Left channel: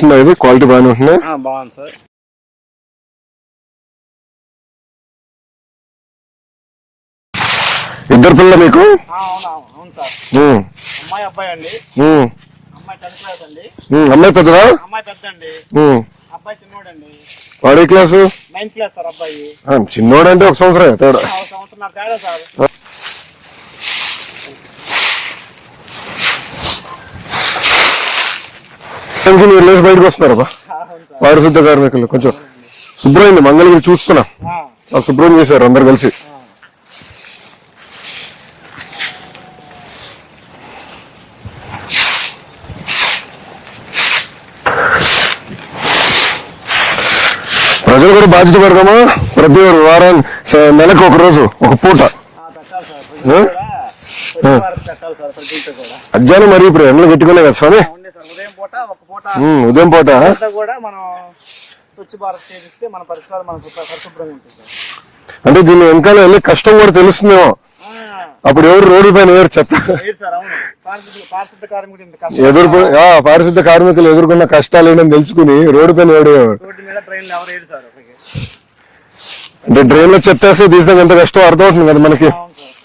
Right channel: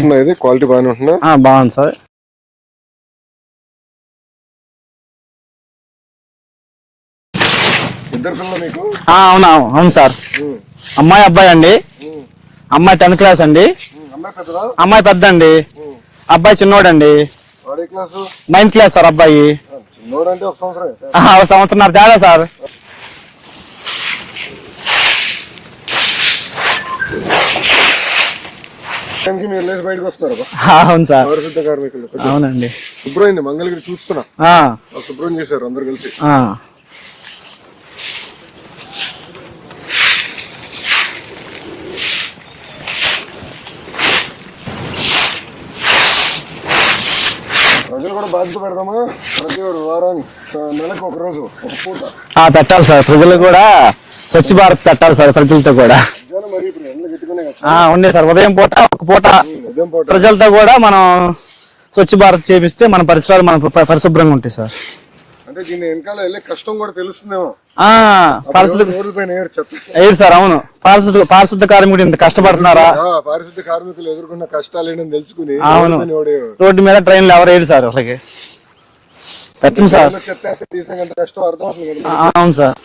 ఇది క్వాలిటీ బాగానే ఉంటున్నాయి. బాగుంది సార్. ఇద్దరు పిల్లలు మీకు? అవును సార్. అమ్మాయి అబ్బాయి అండి. అమ్మాయి 10th క్లాస్ అండి. అమ్మాయి పెద్దదా? అమ్మాయి పెద్ద అండి. అబ్బాయి చిన్నోడండి. వాడి క్లాసు? 9th class sir. అబ్బాయి చిన్నోడు అంటే ఒక సంవత్సరం తేడా సార్. మీరు బయటకు వస్తున్నారు. అవును సార్. పారిశుద్ధ కార్మికులు కొంచెం అవునండి. శుభ్రమైంది. మంగళగిరి చూస్తున్నా శుభ్రం చేశారు అందరు కలిసి. ప్రజలు కూడా బాధ్యత పెడదామా? ప్రతి వారం నెలకు ఒక రోజు ఒక పూట పెట్టాలి సార్. ప్రజలు కూడా స్వచ్ఛ భారత్ పెట్టాలి సార్. ప్రజలతో కూడా మధ్యాహ్నం మరి ఇప్పుడు ఎండలు గట్టుకునే కదా సార్. ఉండే సార్. ఉదయం పూట ఒక పూట ఉదయం పూట ప్రజలతో కూడా మనం స్వచ్ఛ భారత్ చేపిస్తే మన పరిసరాలు మన పరిశుభ్రంగా ఉంటాయి సార్. అంటే దీని వెనకాల వెళ్ళి కష్టం కూడా తెలుస్తుందేమో. అప్పుడు రోడ్డు పైన చెత్త సార్. అవును. పారిశుద్ధ కార్మికుడు ఇంత కష్టపడుతున్నారు. పారిశుద్ధ కార్మికులు ఎదుర్కొన్న కష్టాలు ఏంటని తెలుసుకుని రోడ్డు మీద ట్రైన్లు ఎవరు వేయరు సార్. అసలుకి ట్రైన్ లో చెత్త వేస్తే తీసినాక ఎంత కష్టం అర్థమవుతుంది కదా మనకి. అవును సార్.